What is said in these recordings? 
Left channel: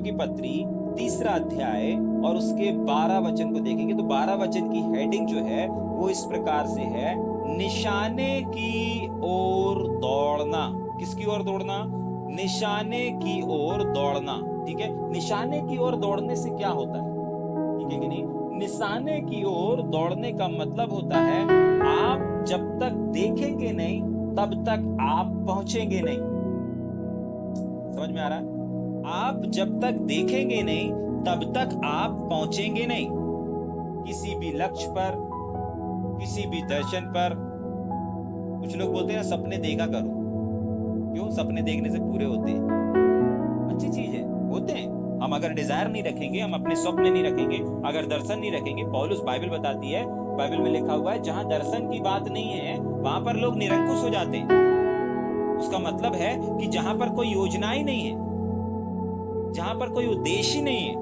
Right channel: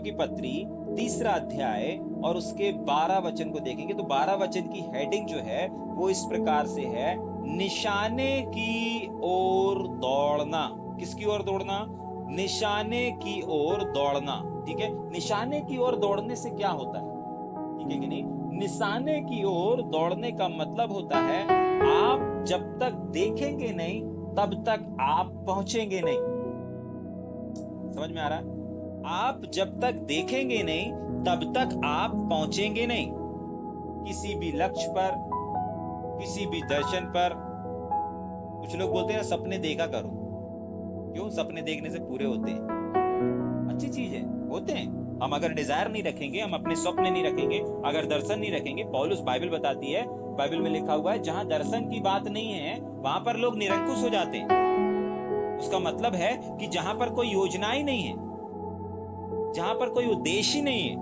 कुरिन्थियों की पत्री 3 अध्याय और उसके 12 वचन को देखेंगे तो 12 वचन की हेडिंग जो है वो इस प्रकार से है, निशाने की ओर दौड़ना। किसकी ओर दौड़ना? निशाने की ओर दौड़ना। ठीक है, निशाने की ओर दौड़ने से क्या होता है? ठीक है कि नहीं? निशाने की ओर दौड़ने का मतलब होता है आप जब तक देखेंगे नहीं तब तक आप पहुंचेंगे नहीं। समझ में आ रहा है? आप जब तक देखेंगे नहीं तब तक आप पहुंचेंगे नहीं किसी भी लक्ष्य पर, किसी भी दर्शन पर। कुछ लोग बोलते हैं सपने देखा करो। क्यों? सपने देखने से पूरे होते हैं। अच्छी चीज है, होते हैं। हम अगर डिजायर नहीं रखेंगे, हम अपने स्वप्न नहीं रखेंगे, अगर दर्शन नहीं रखेंगे, पौलुस बाइबल बताती है, बाइबल में लिखा हुआ है जहां दर्शन की बात नहीं है वहां पर लोग निरंकुश हो जाते हैं। उसका मतलब है कि जहां पर कोई योजना ही नहीं है, जहां पर कोई उद्देश्य ही नहीं है,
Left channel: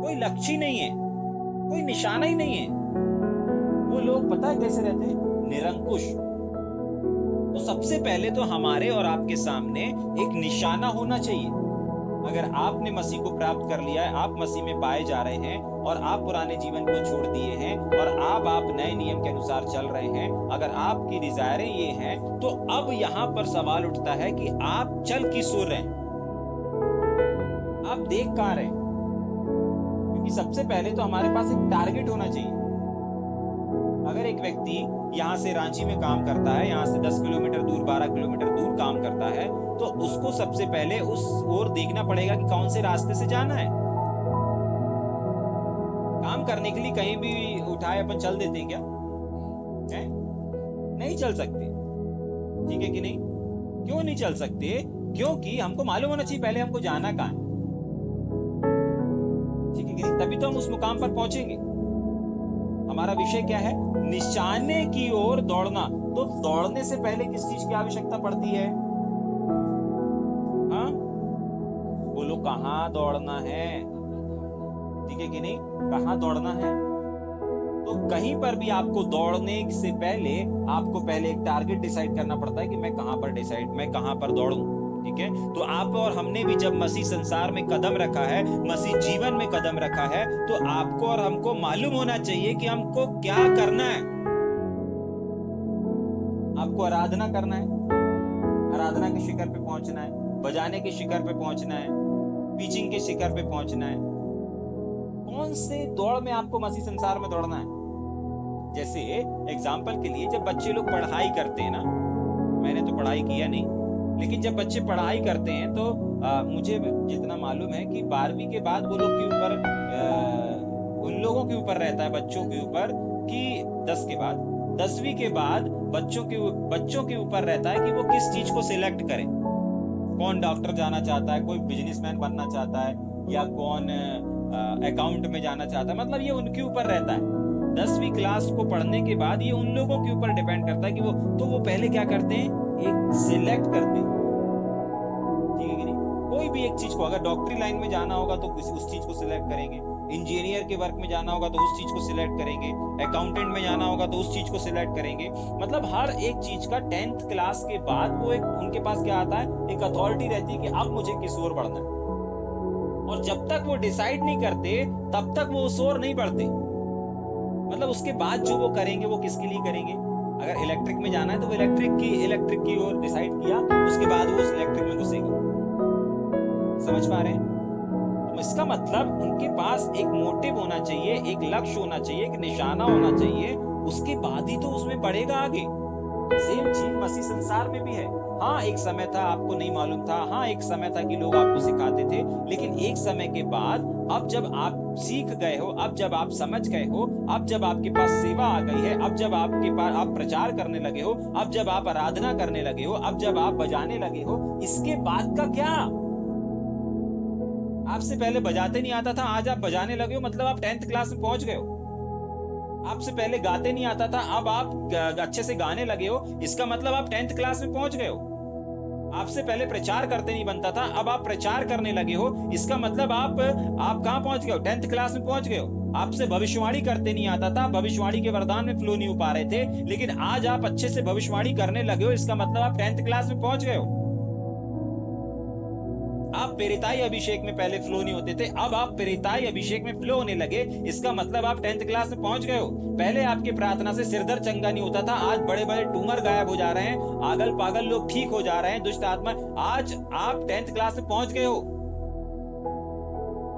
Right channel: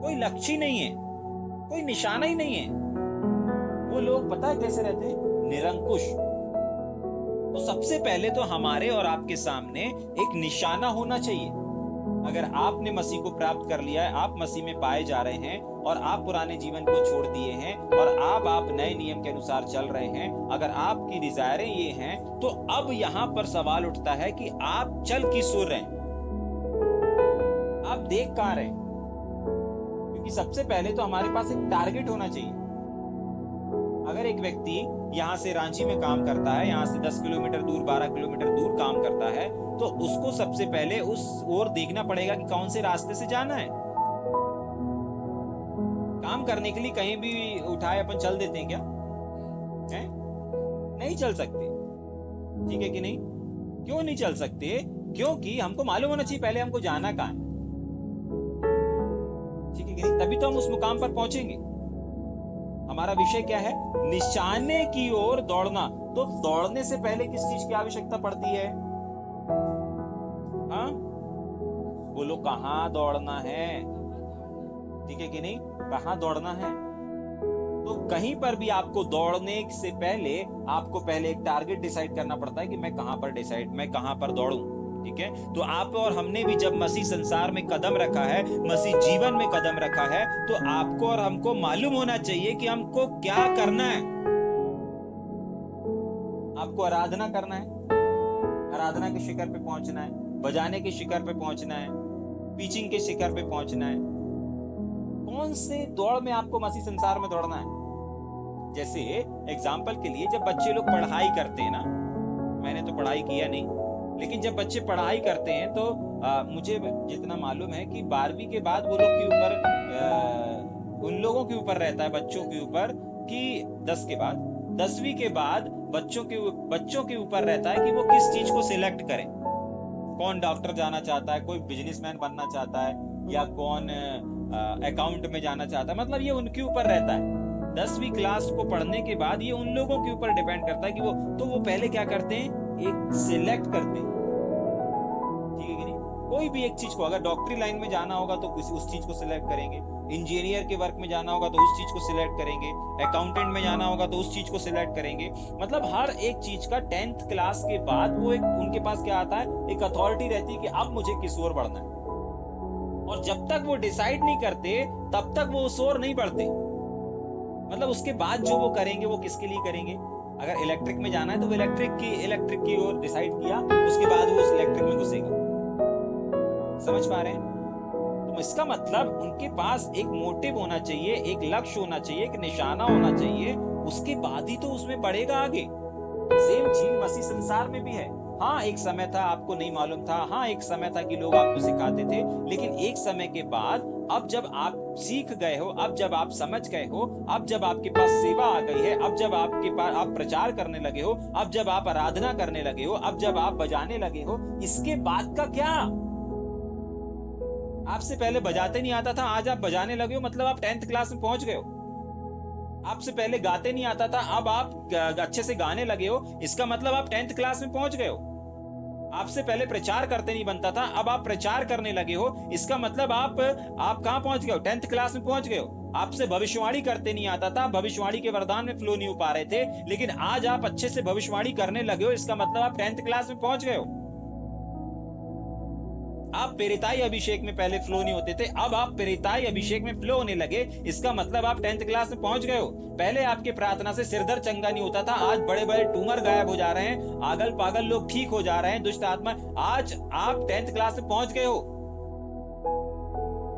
कोई लक्ष्य ही नहीं है, कोई निशाना ही नहीं है, वो लोग पता है कैसे रहते हैं? निरंकुश। तो सबसे पहले तो हमारे और आपके सामने एक निशाना होना चाहिए। अगर आपने मसीह को प्राप्त कर लिया है, आप मसीह में पाए जा रहे हैं और आप पुराने जीवन को छोड़ दिए हैं और आप नए नियम के अनुसार चल रहे हैं, अगर आपकी डिजायरें ये हैं, तो अब यहां पर सवाल उठता है कि आप चल किस ओर रहे हैं, आप देख कहां रहे हैं? क्योंकि सबसे पहले तो हमारे पास एक टारगेट होना चाहिए। अगर एक व्यक्ति यहां से रांची में काम करता है, यहां से 10 किलोमीटर दूर, 12 किलोमीटर दूर काम करता है, तो उसको सबसे पहले उस ओर देखना पड़ेगा कि कौन से रास्ते से जाना है। काम करने के लिए कहीं भी उठाए अपन चल देते हैं क्या? है? नहीं चल सकते। ठीक है कि नहीं? क्यों नहीं चल सकते? क्योंकि हमको मालूम होना चाहिए पहले हमको जाना कहां है। ठीक है कि नहीं? तभी तो हम उस मुकाम पर पहुंचेंगे। हमारा विषय क्या है? निशाने की ओर दौड़ना। तो दौड़ने से पहले किस चीज की आवश्यकता पड़ती है? हाँ, बोलो कहां दौड़ना है? ठीक है कि नहीं? कहां दौड़ना है? तो कहीं पर भी आपको दौड़ने से पहले आपको पहले एक टारगेट डिसाइड करना पड़ता है कि मैं कहां पर दौड़ूं। ठीक है, तो आप और हमने भी जब मसीह संसार में कदम रखा है, मसीह जीवन में कदम रखा है, तो आपको और हमको मालूम होना चाहिए कि हमको क्या करना है। आपको आराधना करना है, आराधना के शिखर पे पहुंचना है, बजाने के शिखर पे पहुंचना है, पीचिंग के शिखर पे पहुंचना है। कौन से दौड़ में आपको मसीह संसार में दौड़ना है? जैसे एग्जाम्पल के लिए जब बच्चे लोग पढ़ाई करते हैं ना, मैंने तो पढ़ाई किया नहीं, लेकिन जब बच्चे पढ़ाई करते हैं तो मुझे जितना मालूम है कि 12वीं के बाद वो लोग के ऊपर उन लोगों के ऊपर रहता है, बच्चों के ऊपर, कि 10 के बाद 10वीं के बाद बच्चों के ऊपर रहता है कि वो किस चीज को सिलेक्ट करें। कौन डॉक्टर जाना चाहता है, कोई बिजनेसमैन बनना चाहता है, या कौन अकाउंट में जाना चाहता है। मतलब ये उनके ऊपर रहता है। 10वीं क्लास को पढ़ने के बाद ये उन लोगों के ऊपर डिपेंड करता है कि वो पहले क्या करते हैं, एक सिलेक्ट करते हैं। ठीक है कि नहीं? कोई भी एक चीज को, अगर डॉक्टरी लाइन में जाना होगा तो उस चीज को सिलेक्ट करेंगे, इंजीनियर के वर्क में जाना होगा तो उस चीज को सिलेक्ट करेंगे, अकाउंटेंट में जाना होगा तो उस चीज को सिलेक्ट करेंगे। मतलब हर एक चीज का 10th क्लास के बाद वो एक उनके पास क्या आता है, एक अथॉरिटी रहती है कि अब मुझे किस ओर बढ़ना है। और जब तक वो डिसाइड नहीं करते तब तक वो उस ओर नहीं बढ़ते। मतलब उसके बाद जो वो करेंगे वो किसके लिए करेंगे? अगर इलेक्ट्रिक में जाना है तो वो इलेक्ट्रिक की ओर डिसाइड किया, उसके बाद वो उस इलेक्ट्रिक में घुसेगा। समझ पा रहे हैं? तो इसका मतलब उनके पास एक मोटिव होना चाहिए, एक लक्ष्य होना चाहिए, एक निशाना होना चाहिए, उसके बाद ही तो उसमें बढ़ेगा आगे। सेम चीज मसीह संसार में भी है। हाँ, एक समय था आपको नहीं मालूम था, हाँ एक समय था कि लोग आपको सिखाते थे, लेकिन एक समय के बाद अब जब आप सीख गए हो, अब जब आप समझ गए हो, अब जब आपके पास सेवा आ गई है, अब जब आपके पास आप प्रचार करने लगे हो, अब जब आप आराधना करने लगे हो, अब जब आप बजाने लगे हो, इसके बाद का क्या? आपसे पहले बजाते नहीं आता था, आज आप बजाने लगे हो, मतलब आप 10th क्लास में पहुंच गए हो। आपसे पहले गाते नहीं आता था, अब आप अच्छे से गाने लगे हो, इसका मतलब आप 10th क्लास में पहुंच गए हो। आपसे पहले प्रचार करते नहीं बनता था, अब आप प्रचार करने लगे हो, इसका मतलब आप कहां पहुंच गए हो? 10th क्लास में पहुंच गए हो। आपसे भविष्यवाणी करते नहीं आता था, भविष्यवाणी के वरदान में फ्लो नहीं हो पा रहे थे, लेकिन आज आप अच्छे से भविष्यवाणी करने लगे हो, इसका मतलब आप 10th क्लास में पहुंच गए हो। आप पेरिताई अभिषेक में पहले फ्लो नहीं होते थे, अब आप पेरिताई अभिषेक में फ्लो होने लगे। इसका मतलब आप 10th क्लास में पहुंच गए हो। पहले आपकी प्रार्थना से सिरदर्द चंगा नहीं होता था, आज बड़े बड़े ट्यूमर गायब हो जा रहे हैं, आगल पागल लोग ठीक हो जा रहे हैं, दुष्ट आत्मा। आज आप 10th क्लास में पहुंच गए हो।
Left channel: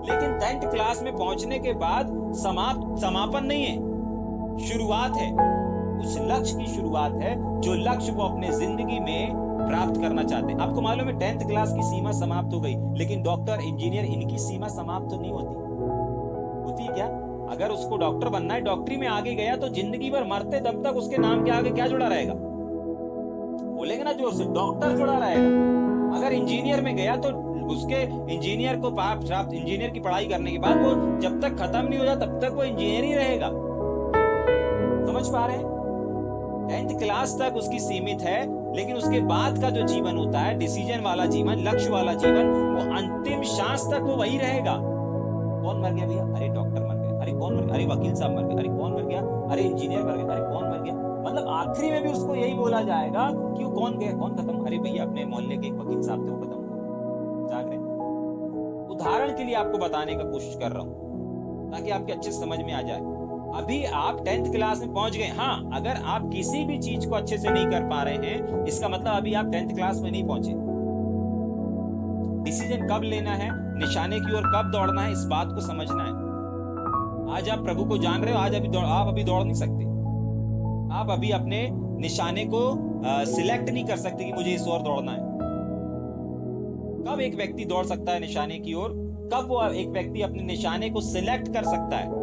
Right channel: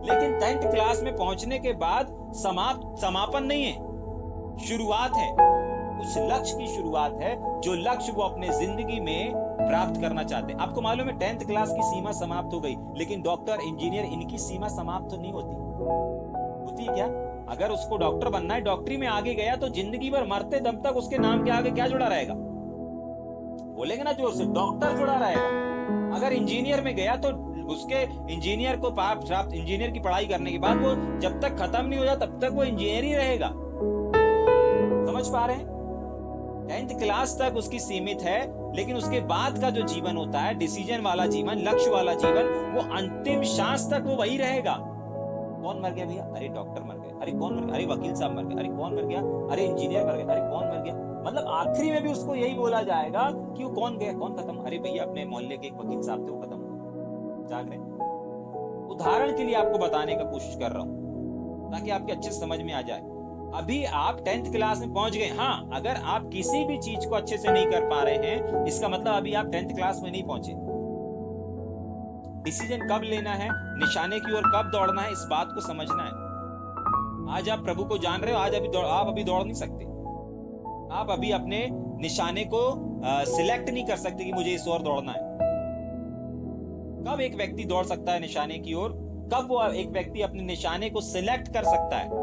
लेकिन 10th क्लास में पहुंचने के बाद समापन नहीं है, शुरुआत है। उस लक्ष्य की शुरुआत है जो लक्ष्य वो अपने जिंदगी में प्राप्त करना चाहते हैं। आपको मालूम है 10th क्लास की सीमा समाप्त हो गई, लेकिन डॉक्टर, इंजीनियर, इनकी सीमा समाप्त तो नहीं होती क्या? अगर उसको डॉक्टर बनना है, डॉक्टरी में आगे गया तो जिंदगी भर मरते दम तक उसके नाम के आगे क्या जुड़ा रहेगा? बोलेंगे ना जोर से, डॉक्टर जुड़ा रहेगा। अगर इंजीनियर में गया तो उसके इंजीनियर को प्राप्त, इंजीनियर की पढ़ाई करने के बाद वो जब तक खत्म नहीं हो जाता तब तक वो इंजीनियर ही रहेगा। समझ पा रहे हैं? 10th क्लास तक उसकी सीमित है, लेकिन उसके बाद का जो जीवन होता है, डिसीजन वाला जीवन, लक्ष्य वाला जीवन, वो अंतिम सांस तक वो वही रहेगा। कौन मर गया भैया? अरे डॉक्टर मर गए। अरे कौन मर गया? अरे वकील साहब मर गए। अरे कौन मर गया? अरे इंजीनियर मर गए। अरे कौन मर गया? मतलब आखिरी में भी उसको यही बोला जाएगा कि वो कौन गया, कौन खत्म? अरे भैया अपने मोहल्ले के एक वकील साहब थे, वो खत्म हो जाग रहे। उदाहरण के लिए आपको बताने का कोशिश कर रहा हूं ताकि आपके अच्छे समझ में आ जाए। अभी आप 10th क्लास में पहुंच गए। हाँ, अगर आप किसी भी चीज को अच्छे से नहीं कर पा रहे हैं, इसका मतलब अभी आप 10th क्लास में नहीं पहुंचे। डिसीजन कब लेना है, निशाने की ओर कब दौड़ना है, इस बात को समझना है। आज आप प्रभु को जान रहे हो, आज आप अभी दौड़ नहीं सकते। आप अभी अपने निशाने को सिलेक्ट नहीं कर सकते कि मुझे इस ओर दौड़ना है। कब एक व्यक्ति दौड़ सकता है निशाने की ओर? कब वो एक व्यक्ति अपने निशाने को सिलेक्ट कर सकता है?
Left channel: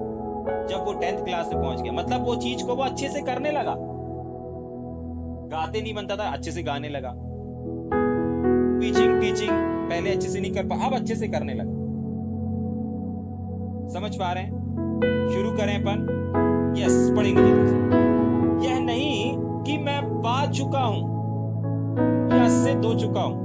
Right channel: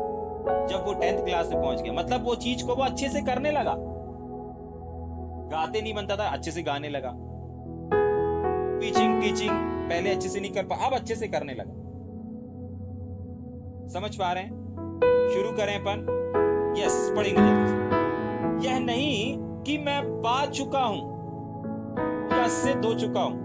जब वो 10th क्लास में पहुंच गया। मतलब वो चीज को वो अच्छे से करने लगा। गाते नहीं बनता था, अच्छे से गाने लगा। टीचिंग पहले अच्छे से नहीं कर पा, अब अच्छे से करने लगा। समझ पा रहे हैं? शुरू करें अपन। यस, पढ़ेंगे जल्दी से। यह नहीं कि मैं पा चुका हूं या सिद्ध हो चुका हूं,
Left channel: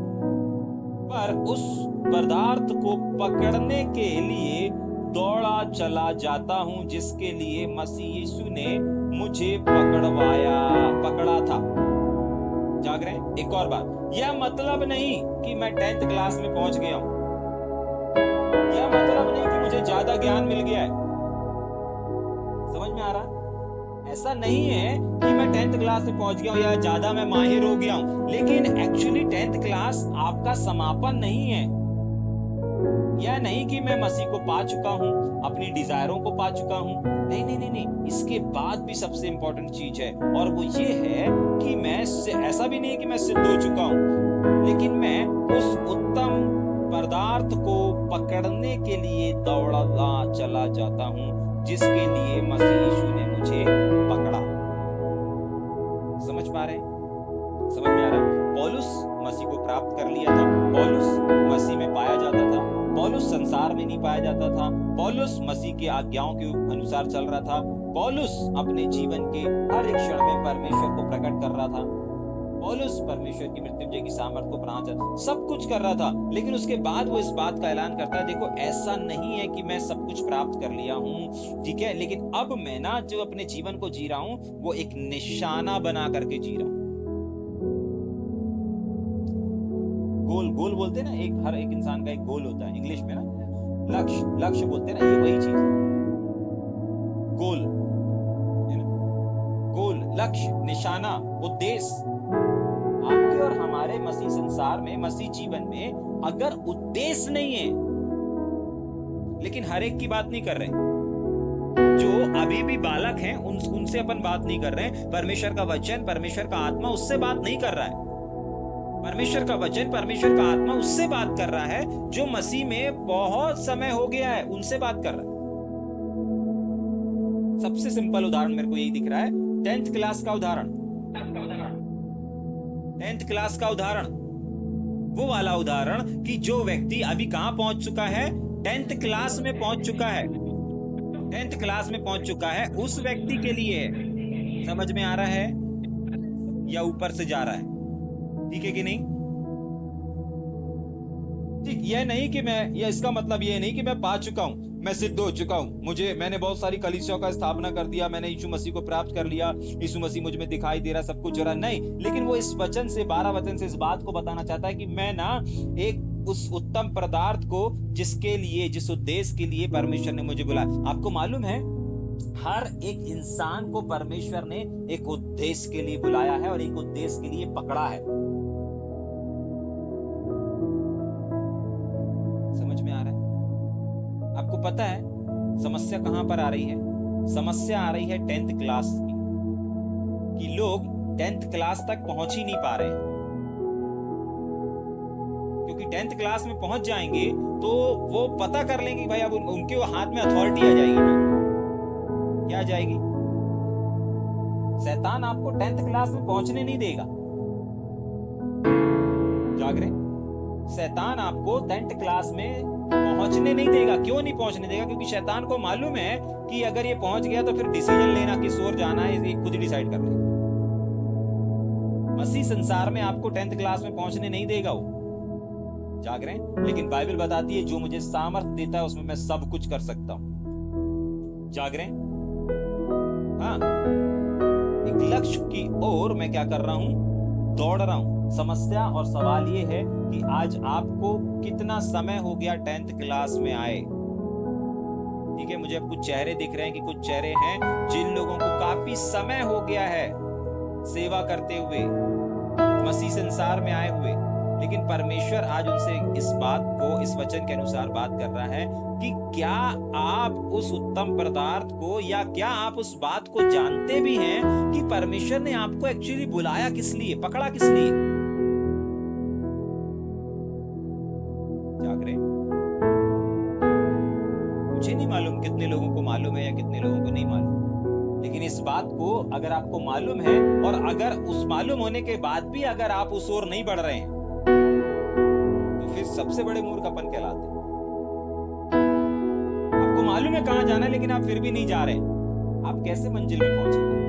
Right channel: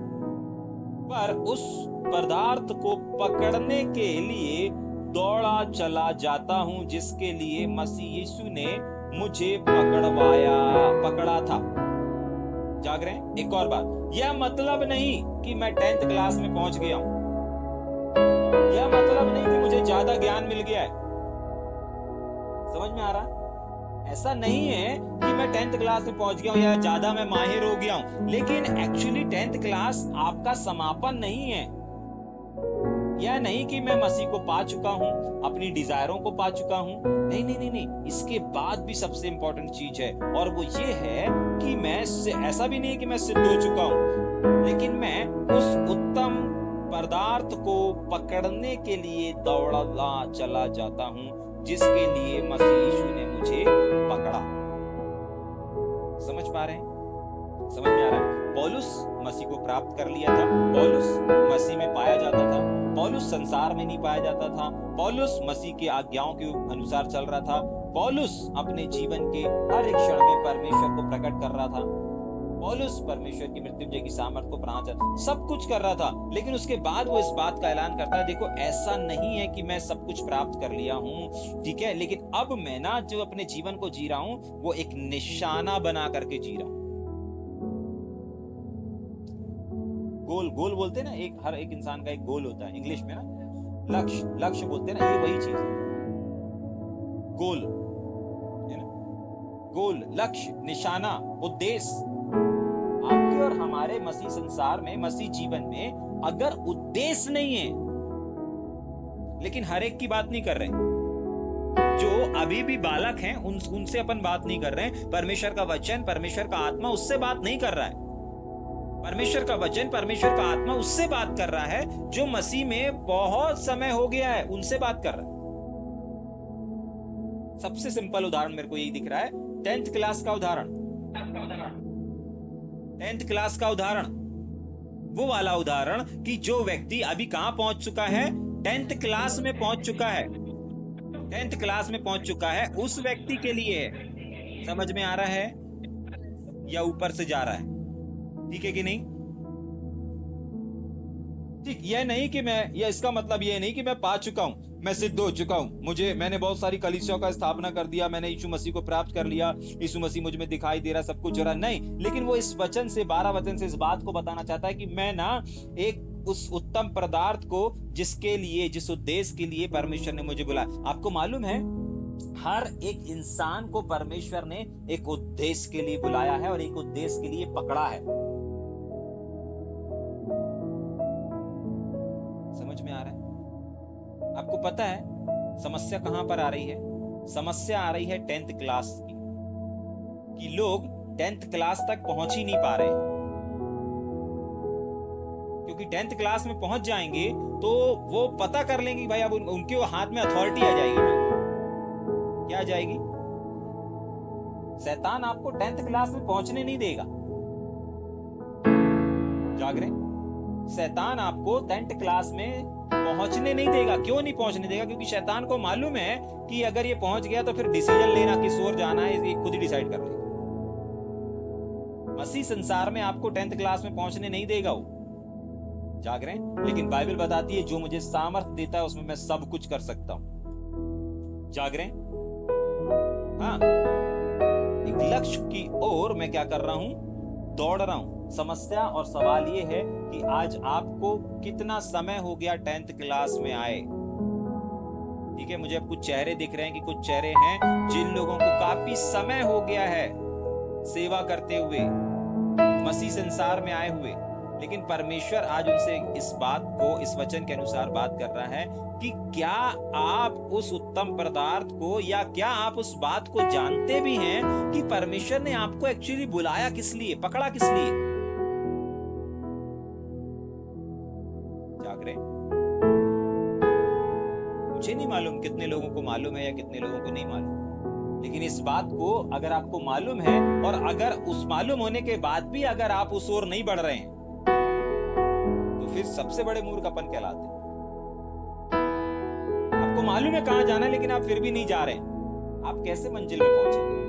पर उस पदार्थ को पकड़ने के लिए दौड़ा चला जाता हूं जिसके लिए मसीह यीशु ने मुझे पकड़ा था। जाग रहे हैं? एक और बात, यह मतलब नहीं कि मैं 10th क्लास में पहुंच गया हूं। यह मतलब नहीं कि मुझे ज्यादा ज्ञान मिल गया है। समझ में आ रहा? ऐसा नहीं है कि मैं 10th क्लास में पहुंच गया हूं या ज्यादा मैं माहिर हो गया हूं। लेकिन एक्चुअली 10th क्लास आपका समापन नहीं है। यह नहीं कि मैं मसीह को पा चुका हूं, अपनी डिजायरों को पा चुका हूं। नहीं। इसके बाद भी सबसे इंपॉर्टेंट चीज है, और वो ये है कि मैं ऐसा भी नहीं कि मैं सिद्ध हो चुका हूं, लेकिन मैं उस उत्तम पदार्थ को पकड़ने के लिए दौड़ला चला जाता हूं जिसके लिए मसीह यीशु ने मुझे पकड़ा। समझ पा रहे हैं? समझ में आ रहा है? पौलुस मसीह को प्राप्त कर लिया था। पौलुस मसीह में पाया जाता था। पौलुस संसार में नहीं पाया जाता था। पौलुस मसीह के आज्ञाओं के अनुसार चल रहा था। पौलुस अपने जीवन के हर एक क्षण में परमेश्वर को प्रकट कर रहा था। पौलुस परमेश्वर की मृत्युंजय की सामर्थ को प्राण सब कुछ कर रहा था। लेकिन उसके बाद वो इस बात का ऐलान करता है, देखो ऐसा नहीं है कि मैं सब कुछ प्राप्त कर लिया हूं, ठीक है, लेकिन अब मैं ना जो अपने जीवन को जी रहा हूं वो एक निशाना बना करके जी रहा हूं। गोल बोलते हैं ना, हर एक इंसान का एक गोल होता है, इंग्लिश में ना लक्ष्य बोलते हैं ना, ये वही चीज है। गोल है ना, गोल, लक्ष्य, निशाना, उद्देश्य। आपके और हमारे मसीह संसार में, मसीह जीवन में अगर उद्देश्य नहीं है, लेकिन हर एक की बात नहीं कर रहे, जो अभी भी बालक हैं उनसे अपन बात नहीं कर रहे हैं। परमेश्वर का वचन, परमेश्वर का आत्मा उससे बात नहीं कर रहा है। परमेश्वर का वचन, परमेश्वर का आत्मा उससे बात कर रहा है जो मसीह में बहुत समय हो गया है, उनसे बात कर रहा है। सबसे सिंपल उदाहरण मेरे को यही दिख रहा है, 10th क्लास का उदाहरण। 10th क्लास का उदाहरण, वो वाला उदाहरण कि जो व्यक्ति अभी कहां पहुंच चुका है, 10th क्लास में पहुंच चुका है। 10th क्लास में पहुंच चुका है, उस व्यक्ति के लिए है। समझ में आ रहा है या ऊपर से जा रहा है? ठीक है कि नहीं? ठीक, यह नहीं कि मैं, इसका मतलब यह नहीं कि मैं पा चुका हूं, मैं सिद्ध हो चुका हूं, मैंने बहुत सारी कलीसियाओं का स्थापना कर दिया, मैंने यीशु मसीह को प्राप्त कर लिया, यीशु मसीह मुझ में दिखाई दे रहा, सब कुछ हो रहा। नहीं, लेकिन वो इस वचन से, 12 वचन से इस बात को बताना चाहता है कि मैं ना एक उस उत्तम पदार्थ को जिसके लिए, जिस उद्देश्य के लिए परमेश्वर ने मुझे बुलाया। आपको मालूम है, हर एक इंसान को परमेश्वर ने एक उद्देश्य के लिए बुलाया है और एक उद्देश्य के लिए पकड़ा है। समझ में आ रहा है? आपको पता है समस्या कहां पर आ रही है? समस्या आ रही है 10th क्लास की, कि लोग 10th क्लास तक पहुंच ही नहीं पा रहे हैं। क्योंकि 10th क्लास में पहुंच जाएंगे तो वो पता कर लेंगे कि भाई अब उनके हाथ में अथॉरिटी आ जाएगी ना। क्या आ जाएगी? शैतान आपको 10th क्लास में पहुंचने नहीं देगा। जाग रहे? शैतान आपको 10th क्लास में पहुंचने नहीं देगा। क्यों नहीं पहुंचने देगा? क्योंकि शैतान को मालूम है कि अगर ये पहुंच गया तो फिर डिसीजन लेना, किस ओर जाना है, ये खुद ही डिसाइड कर लेगा। मसीह संसार में आपको 10th क्लास में पहुंचने नहीं देगा वो। जाग रहे हैं? लेकिन बाइबल बताती है जो मुझे सामर्थ्य देता है उसमें मैं सब कुछ कर सकता हूं। जाग रहे हैं? हाँ, एक लक्ष्य की ओर मैं क्या कर रहा हूं? दौड़ रहा हूं। समस्या और सवाल ये है कि आज आपको कितना समय हो गया 10th क्लास में आए। ठीक है, मुझे अब कुछ चेहरे दिख रहे हैं कि कुछ चेहरे हैं जिन लोगों को काफी समय हो गया है सेवा करते हुए, मसीह संसार में आए हुए, लेकिन परमेश्वर आज उनसे इस बात को, इस वचन के अनुसार बात कर रहा है कि क्या आप उस उत्तम पदार्थ को, या क्या आप उस बात को जानते भी हैं कि परमेश्वर ने आपको एक्चुअली बुलाया किस लिए, पकड़ा किस लिए? जाग रहे? मुझे नहीं मालूम कितने लोगों को मालूम है या कितने लोगों को नहीं मालूम, लेकिन इस बात को अगर आपको मालूम है और अगर उस मालूम होने के बाद भी अगर आप उस ओर नहीं बढ़ रहे हैं तो फिर सबसे बड़े मूर्ख अपन कहलाते हैं। आपको मालूम है कहां जाना है लेकिन आप फिर भी नहीं जा रहे हैं, आप कैसे मंजिल में पहुंचेंगे?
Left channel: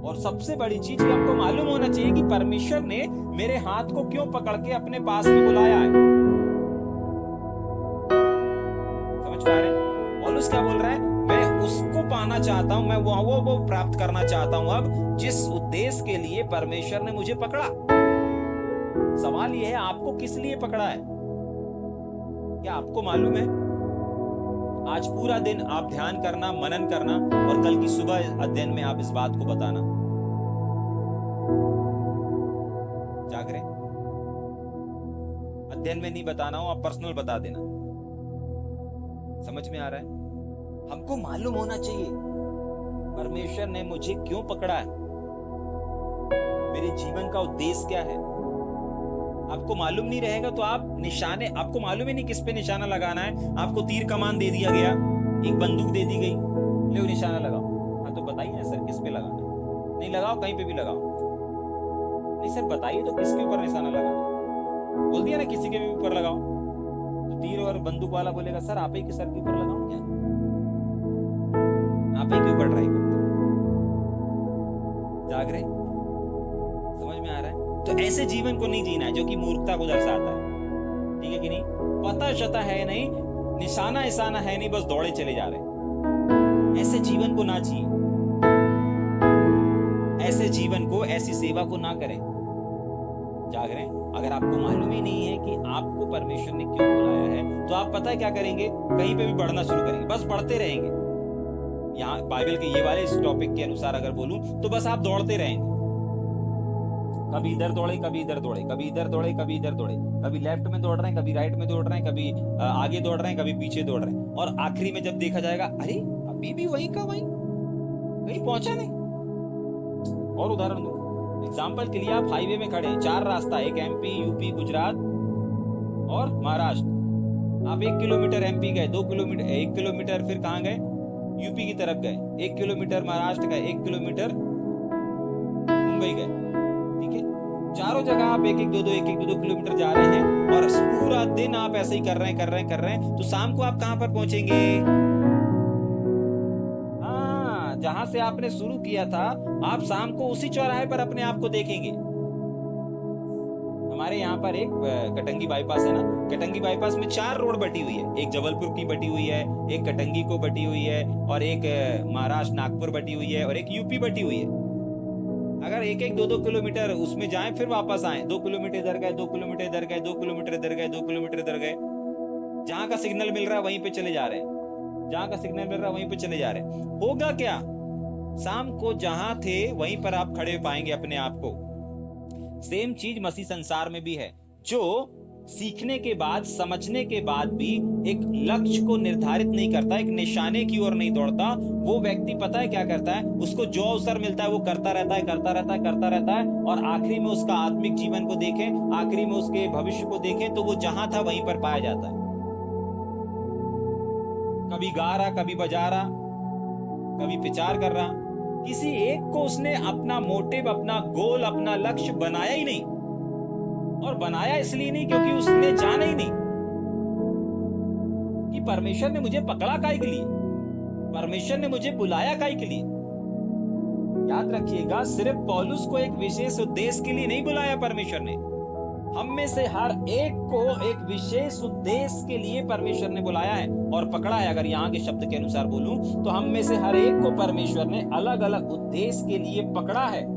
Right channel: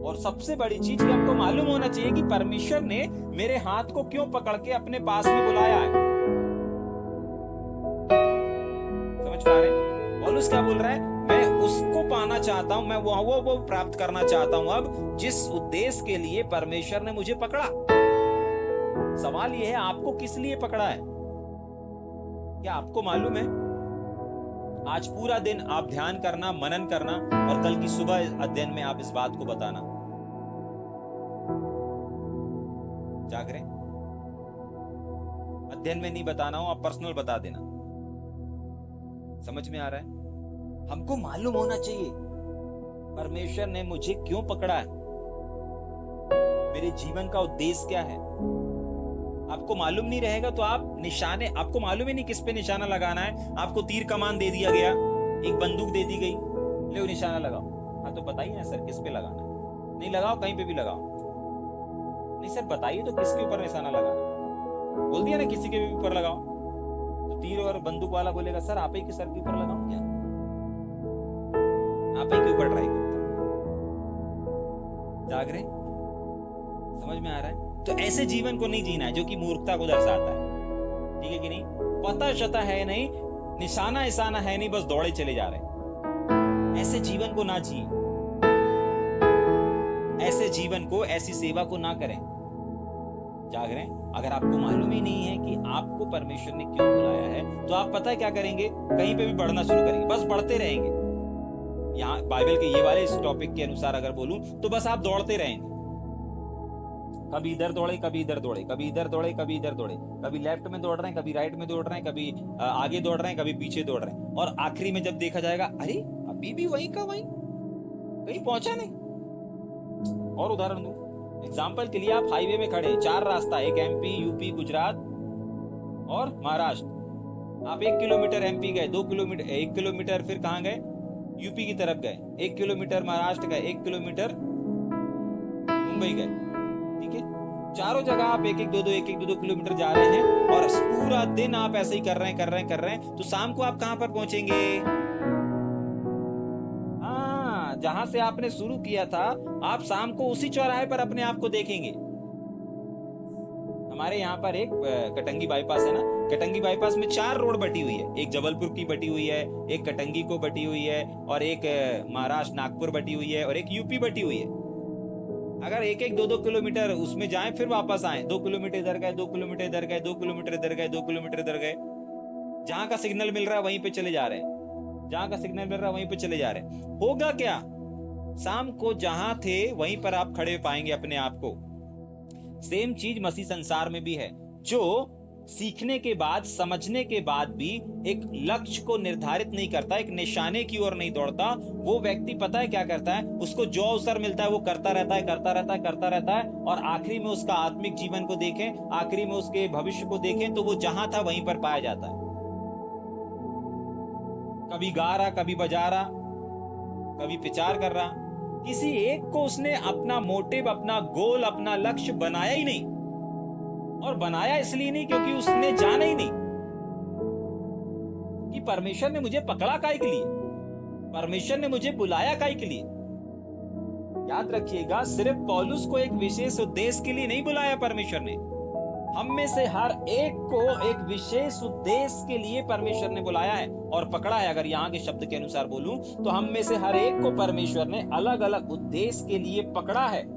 और सबसे बड़ी चीज कि आपको मालूम होना चाहिए कि परमेश्वर ने मेरे हाथ को क्यों पकड़ के अपने पास में बुलाया है। समझ पा रहे हैं? पौलुस क्या बोल रहा है? मैं उसको पाना चाहता हूं, मैं वो प्राप्त करना चाहता हूं अब जिस उद्देश्य के लिए परमेश्वर ने मुझे पकड़ा। सवाल यह है, आपको किस लिए पकड़ा है? क्या आपको मालूम है? आज पूरा दिन आप ध्यान करना, मनन करना और कल की सुबह अध्ययन में आप इस बात को बताना। जाग रहे? अध्ययन में नहीं बताना हो, आप पर्सनल बता देना। समझ में आ रहा है? हमको मालूम होना चाहिए परमेश्वर ने मुझे क्यों पकड़ा है, मेरे जीवन का उद्देश्य क्या है। आपको मालूम नहीं रहेगा तो आप निशाने, आपको मालूम ही नहीं किस पे निशाना लगाना है। आपको तीर कमान दे दिया गया, एक बंदूक दे दी गई, ले निशाना लगाओ। हाँ तो बताइए ना सर किस पे लगाना है? नहीं लगाओ, कहीं पे भी लगाओ। नहीं सर बताइए तो किसके ऊपर निशाना लगाना? बोल दिया ना किसी के भी ऊपर लगाओ, तो तीर और बंदूक वाला बोलेगा सर आप ही के सर के ऊपर लगाऊं क्या? आप ही के ऊपर ट्राई करता हूं। जाग रहे? समझ में आ रहा है? तो ऐसे जीवन को नहीं जीना है जो कि मूर्खता को दर्शाता है। ठीक है कि नहीं? पता शता है नहीं, निशाना इशाना है नहीं, बस दौड़े चले जा रहे। ऐसे जीवन को ना जिए, ऐसे जीवन को, ऐसी सेवा को ना करें। जाग रहे? अगर आपको मालूम ही नहीं है कि आपको परमेश्वर ने क्यों बुलाया है तो आप पता है क्या करेंगे? कहीं पे भी बढ़ना शुरू करेंगे, बस बढ़ते रहेंगे। यहाँ बाइबल के ये वाले इस टॉपिक के अनुसार अगर बोलूं तो बस आप दौड़ते रहेंगे। कभी इधर दौड़े, कभी इधर दौड़े, कभी इधर दौड़े, कभी इधर दौड़े, कभी लेफ्ट में दौड़ रहे हैं, कभी राइट में दौड़ रहे हैं, कभी आगे दौड़ रहे हैं, कभी पीछे दौड़ रहे हैं, और आखिरी में जब देखा जाएगा अरे अभी भी वहीं का वहीं, कहीं पहुंचा नहीं। और उदाहरण दूं, एग्जाम्पल के लिए आप हाईवे में खड़े हैं, 4 रास्ता, एक एमपी, यूपी, गुजरात और महाराष्ट्र। आप 1 किलोमीटर एमपी गए, 2 किलोमीटर, 1 किलोमीटर फिर कहां गए? यूपी की तरफ गए, 1 किलोमीटर महाराष्ट्र गए, 1 किलोमीटर मुंबई गए। ठीक है, चारों जगह आप 1-1, 2-2 किलोमीटर जा रहे हैं और पूरा दिन आप ऐसे ही कर रहे हैं, तो शाम को आप कहां पर पहुंचेंगे? हाँ, जहां से आपने शुरू किया था आप शाम को उसी चौराहे पर अपने आप को देखेंगे। हमारे यहाँ पर एक कटंगी बाईपास है ना, कटंगी बाईपास में 4 रोड बटी हुई है, एक जबलपुर की बटी हुई है, एक कटंगी को बटी हुई है, और एक महाराष्ट्र नागपुर बटी हुई है, और एक यूपी बटी हुई है। अगर एक एक 2-2 किलोमीटर उसमें जाएं फिर वापस आए, 2 किलोमीटर इधर गए, 2 किलोमीटर इधर गए, 2 किलोमीटर इधर गए, 2 किलोमीटर इधर गए, जहां का सिग्नल मिल रहा है वहीं पे चले जा रहे हैं, जहां का सिग्नल मिल रहा है वहीं पे चले जा रहे हैं। होगा क्या, शाम को जहां थे वहीं पर आप खड़े पाएंगे अपने आप को। सेम चीज मसीह संसार में भी है। जो सीखने के बाद, समझने के बाद भी एक लक्ष्य को निर्धारित नहीं करता, एक निशाने की ओर नहीं दौड़ता, वो व्यक्ति पता है क्या करता है, उसको जो अवसर मिलता है वो करता रहता है, करता रहता है, करता रहता है, और आखिरी में उसका आत्मिक जीवन को देखें, आखिरी में उसके भविष्य को देखें तो वो जहां था वहीं पर पाया जाता है। कभी गा रहा, कभी बजा रहा, कभी विचार कर रहा, किसी एक को उसने अपना मोटिव, अपना गोल, अपना लक्ष्य बनाया ही नहीं। और बनाया इसलिए नहीं क्योंकि उसने जाना ही नहीं कि परमेश्वर ने मुझे पकड़ा काहे के लिए, परमेश्वर ने मुझे बुलाया काहे के लिए। याद रखिएगा, सिर्फ पौलुस को एक विशेष उद्देश्य के लिए नहीं बुलाया परमेश्वर ने, हम में से हर एक को एक विशेष उद्देश्य के लिए परमेश्वर ने बुलाया है और पकड़ा है। अगर यहाँ के शब्द के अनुसार बोलूं तो हम में से हर एक को परमेश्वर ने अलग अलग उद्देश्य के लिए पकड़ा है।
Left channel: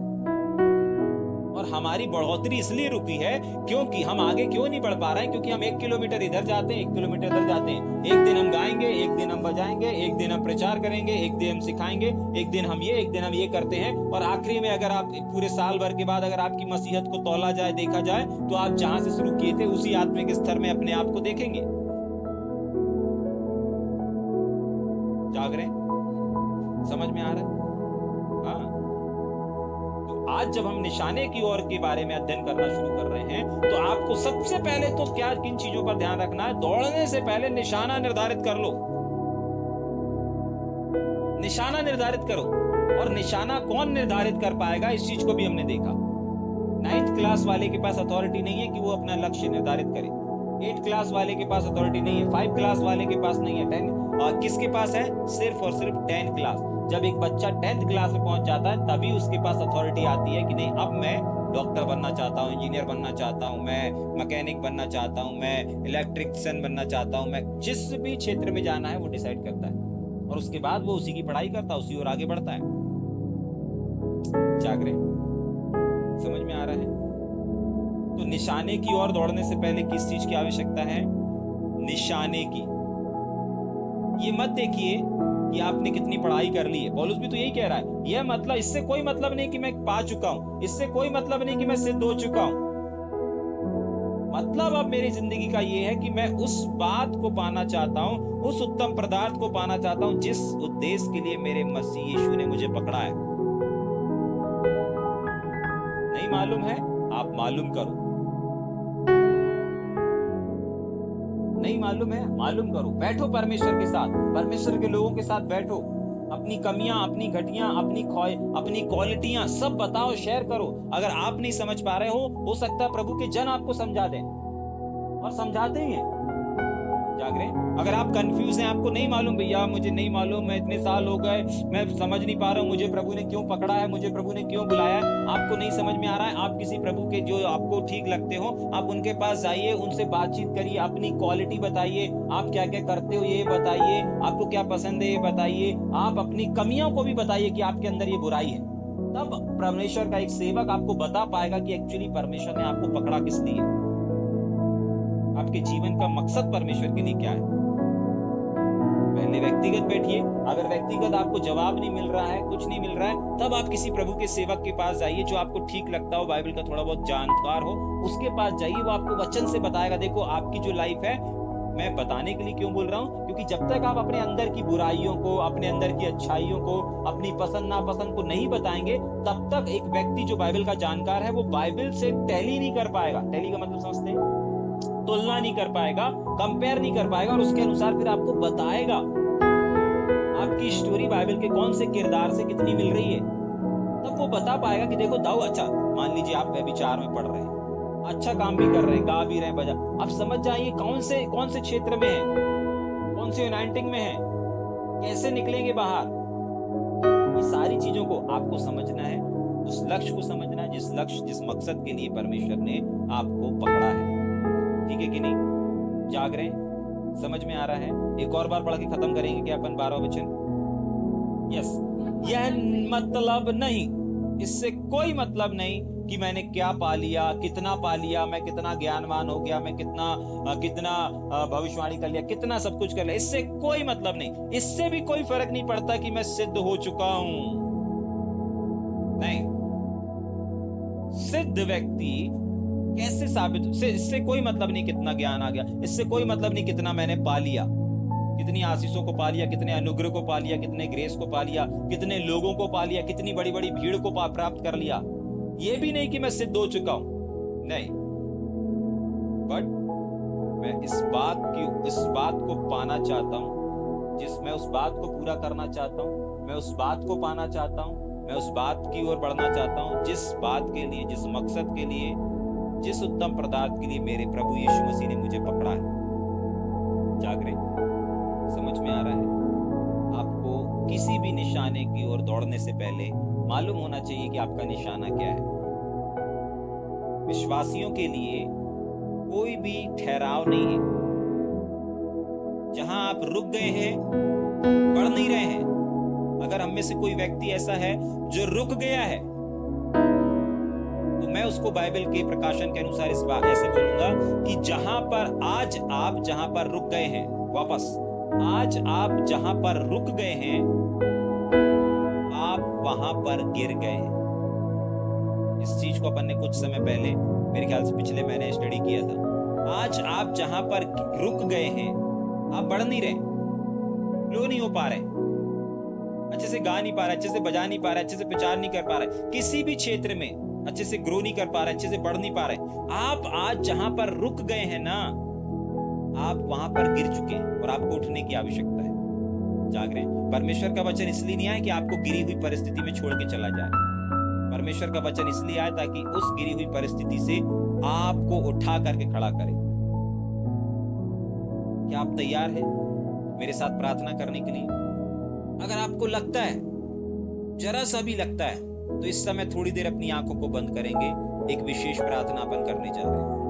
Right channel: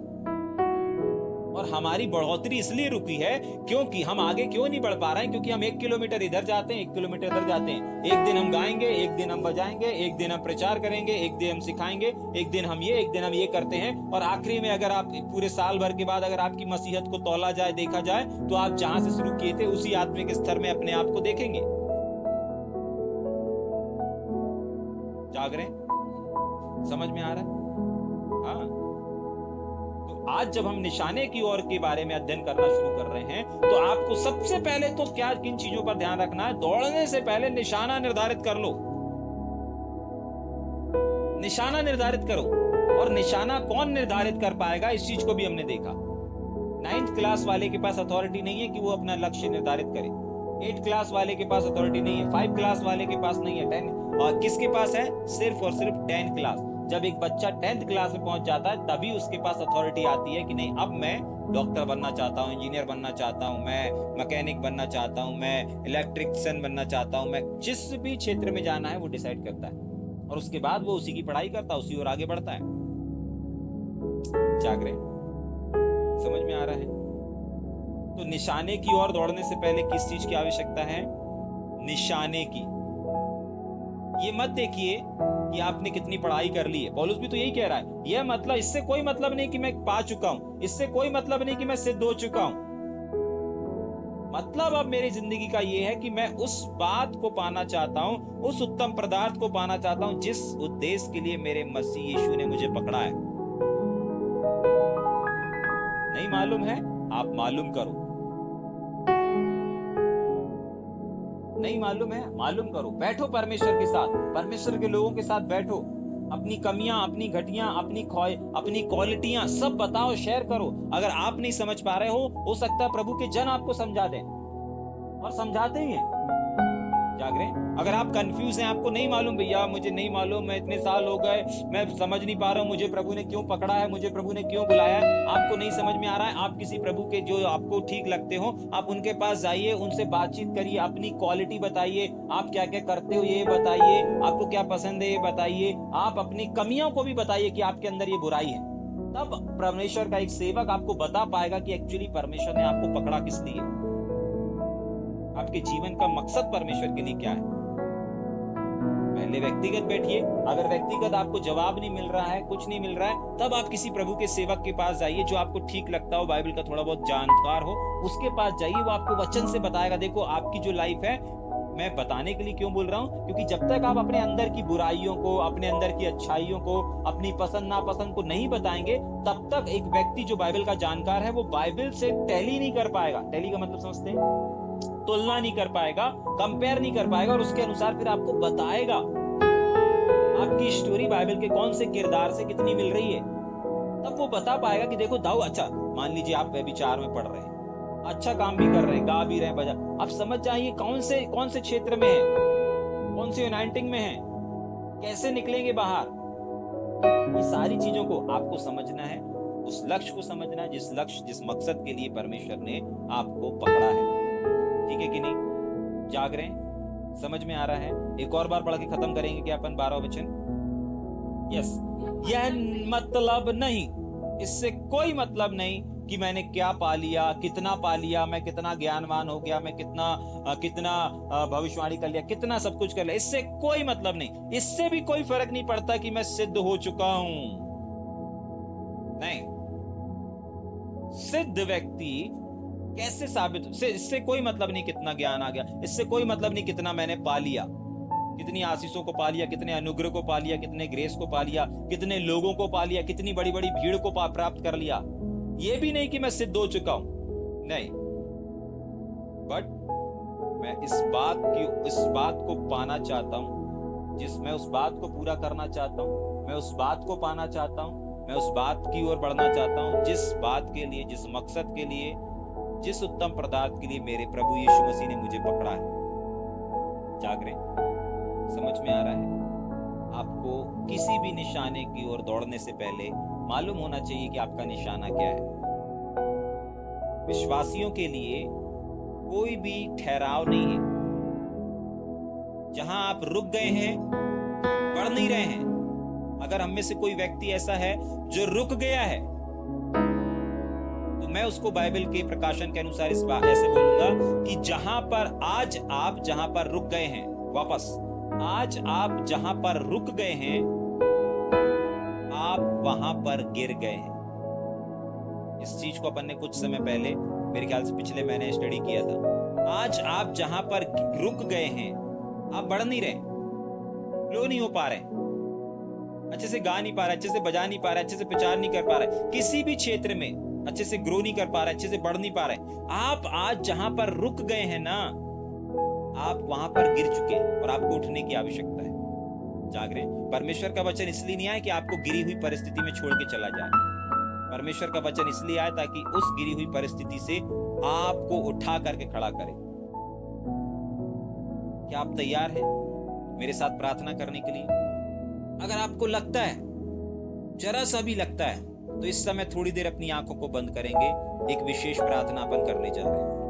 और हमारी बढ़ोतरी इसलिए रुकी है क्योंकि हम आगे क्यों नहीं बढ़ पा रहे हैं, क्योंकि हम 1 किलोमीटर इधर जाते हैं, 1 किलोमीटर इधर जाते हैं। एक दिन हम गाएंगे, एक दिन हम बजाएंगे, एक दिन हम प्रचार करेंगे, एक दिन हम सिखाएंगे, एक दिन हम ये, एक दिन हम ये करते हैं, और आखिरी में अगर आप पूरे साल भर के बाद अगर आपकी मसीहत को तौला जाए, देखा जाए, तो आप जहां से शुरू किए थे उसी आत्मिक स्तर में अपने आप को देखेंगे। जाग रहे हैं? समझ में आ रहा है? हाँ। आज जब हम निशाने की ओर के बारे में अध्ययन करना शुरू कर रहे हैं तो आपको सबसे पहले तो क्या, किन चीजों पर ध्यान रखना है? दौड़ने से पहले निशाना निर्धारित कर लो, निशाना निर्धारित करो। और निशाना कौन निर्धारित कर पाएगा, इस चीज को भी हमने देखा। 9th क्लास वाले के पास अथॉरिटी नहीं है कि वो अपना लक्ष्य निर्धारित करे, 8th क्लास वाले के पास अथॉरिटी नहीं है, 5 क्लास वाले के पास नहीं है, 10 और किसके पास है? सिर्फ और सिर्फ 10th क्लास। जब एक बच्चा 10th क्लास में पहुंच जाता है तभी उसके पास अथॉरिटी आती है कि नहीं, अब मैं डॉक्टर बनना चाहता हूँ, इंजीनियर बनना चाहता हूँ, मैं मैकेनिक बनना चाहता हूँ, मैं इलेक्ट्रिशियन बनना चाहता हूँ, मैं जिस भी क्षेत्र में जाना है वो डिसाइड करता है, और उसके बाद वो उसी की पढ़ाई करता है, उसी ओर आगे बढ़ता है। जाग रहे? समझ में आ रहा है? तो निशाने की ओर दौड़ने से पहले किस चीज की आवश्यकता है? निशाने की। ये मत देखिए कि आपने कितनी पढ़ाई कर ली है, पौलुस भी तो यही कह रहा है। यह मतलब, इससे कोई मतलब नहीं कि मैं पा चुका हूं, इससे कोई मतलब नहीं कि मैं सिद्ध हो चुका हूं। मतलब अब मेरी जिंदगी का ये है कि मैं उस बात को पाना चाहता हूं, उस उत्तम पदार्थ को पाना चाहता हूं जिस उद्देश्य के लिए मेरे मसीह यीशु ने मुझे पकड़ा है। नहीं मालूम है? आप मालूम करो। नहीं मालूम है? मालूम करो। बैठो परमेश्वर के साथ, परमेश्वर के लोगों के साथ बैठो, अपनी कमियां, अपनी घटियां, अपनी क्वालिटियां सब बताओ, शेयर करो। अगर आप नहीं समझ पा रहे हो सकता है प्रभु के जन आपको समझा दें, और समझाते ही हैं। जाग रहे हैं? अगर आप कंफ्यूज हैं, आपको नहीं मालूम, भैया मुझे नहीं मालूम, मैं इतने साल हो गए, मैं समझ नहीं पा रहा हूँ, मुझे प्रभु ने क्यों पकड़ा है, मुझे प्रभु ने क्यों बुलाया है, आपको नहीं समझ में आ रहा है, आप किसी प्रभु के जो आपको ठीक लगते हो आप उनके पास जाइए, उनसे बातचीत करिए, अपनी क्वालिटी बताइए, आप क्या क्या करते हो ये बताइए, आपको क्या पसंद है ये बताइए, आप अपनी कमियों को भी बताइए कि आपके अंदर ये बुराई है। तब परमेश्वर का एक सेवक आपको बता पाएगा कि एक्चुअली परमेश्वर ने आपको पकड़ा किस लिए, आपके जीवन का मकसद परमेश्वर के लिए क्या है। पहले व्यक्तिगत बैठिए, अगर व्यक्तिगत आपको जवाब नहीं मिल रहा है, कुछ नहीं मिल रहा है, तब आप किसी प्रभु के सेवक के पास जाइए जो आपको ठीक लगता हो, बाइबल का थोड़ा बहुत जानकार हो, उसके पास जाइए, वो आपको वचन से बताएगा। देखो आपकी जो लाइफ है, मैं बताने के लिए क्यों बोल रहा हूं, क्योंकि जब तक आप अपने अंदर की बुराइयों को, अपने अंदर की अच्छाइयों को, अपनी पसंद नापसंद को नहीं बताएंगे, तब तक एक व्यक्ति जो बाइबल का जानकार है वो बाइबल से टैली नहीं कर पाएगा। टैली का मतलब समझते हैं? तुलना नहीं कर पाएगा, कंपेयर नहीं कर पाएगा, और उसके अनुसार फिर आपको बताएगा आपकी स्टोरी बाइबल के कौन से किरदार से कितनी मिल रही है। तब वो बता पाएगा कि देखो दाऊ, अच्छा मान लीजिए आप व्यभिचार में पढ़ रहे हैं, अच्छा काम भी कर रहे हैं, गा भी रहे हैं, बजा, आप समझ जाइए कौन से क्षेत्र में है, कौन से यूनाइटिंग में है, कैसे निकलेंगे बाहर। ये सारी चीजों को आपको समझना है, उस लक्ष्य को समझना है जिस मकसद के लिए परमेश्वर ने आपको पकड़ा है। ठीक है कि नहीं? जाग रहे हैं? समझ में आ रहा है? एक और बार पढ़ के खत्म करेंगे क्या अपन 12वां वचन? यस। यह मतलब नहीं इससे कोई मतलब नहीं कि मैंने क्या पा लिया, कितना पा लिया, मैं कितना ज्ञानवान हो गया, मैं कितना भविष्यवाणी कर लिया, कितना सब कुछ कर लिया। इससे कोई मतलब नहीं। इससे भी कोई फर्क नहीं पड़ता कि मैं सिद्ध हो चुका हूं। नहीं, सिद्ध व्यक्ति कैसे साबित, इससे कोई मतलब नहीं कितना ज्ञान आ गया, इससे कोई मतलब नहीं कितना मैंने पा लिया, कितनी आशीषों को पा लिया, कितने अनुग्रह को पा लिया, कितने ग्रेस को पा लिया, कितने लोगों को पा लिया, कितनी बड़ी बड़ी भीड़ को प्राप्त कर लिया। ये भी नहीं कि मैं सिद्ध हो चुका हूं, नहीं। बट मैं इस बात को पाना चाहता हूं, मैं उस बात को पूरा करना चाहता हूं, मैं उस बात को पाना चाहता हूं, मैं उस बात की ओर बढ़ना चाहता हूं, जिस बात के लिए, जिस मकसद के लिए, जिस उत्तम पदार्थ के लिए मेरे प्रभु यीशु मसीह ने मुझे पकड़ा है। जाग रहे हैं? समझ में आ रहा है? आपको किसी भी निशाने की ओर दौड़ने से पहले मालूम होना चाहिए कि आपका निशाना क्या है। विश्वासियों के लिए कोई भी ठहराव नहीं है। जहां आप रुक गए हैं, बढ़ नहीं रहे हैं। अगर हम में से कोई व्यक्ति ऐसा है जो रुक गया है, तो मैं उसको बाइबल के प्रकाशन के अनुसार इस बात ऐसे बोलूंगा कि जहां पर आज आप जहां पर रुक गए हैं, वापस आज आप जहां पर रुक गए हैं, आप वहां पर गिर गए हैं। इस चीज को अपन ने कुछ समय पहले, मेरे ख्याल से पिछले महीने स्टडी किया था। आज आप जहां पर रुक गए हैं, आप बढ़ नहीं रहे, फ्लो नहीं हो पा रहे, अच्छे से गा नहीं पा रहे, अच्छे से बजा नहीं पा रहे, अच्छे से प्रचार नहीं कर पा रहे, किसी भी क्षेत्र में अच्छे से ग्रो नहीं कर पा रहे, अच्छे से बढ़ नहीं पा रहे। आप आज जहां पर रुक गए हैं ना, आप वहां पर गिर चुके हैं और आपको उठने की आवश्यकता है। जाग रहे हैं? परमेश्वर का वचन इसलिए नहीं आया कि आपको गिरी हुई परिस्थिति में छोड़ के चला जाए। परमेश्वर का वचन इसलिए आया ताकि उस गिरी हुई परिस्थिति से आपको उठा करके खड़ा करे। क्या आप तैयार हैं मेरे साथ प्रार्थना करने के लिए? अगर आपको लगता है, जरा सा भी लगता है, तो इस समय थोड़ी देर अपनी आंखों को बंद करेंगे। एक विशेष प्रार्थना अपन करने जा रहे हैं।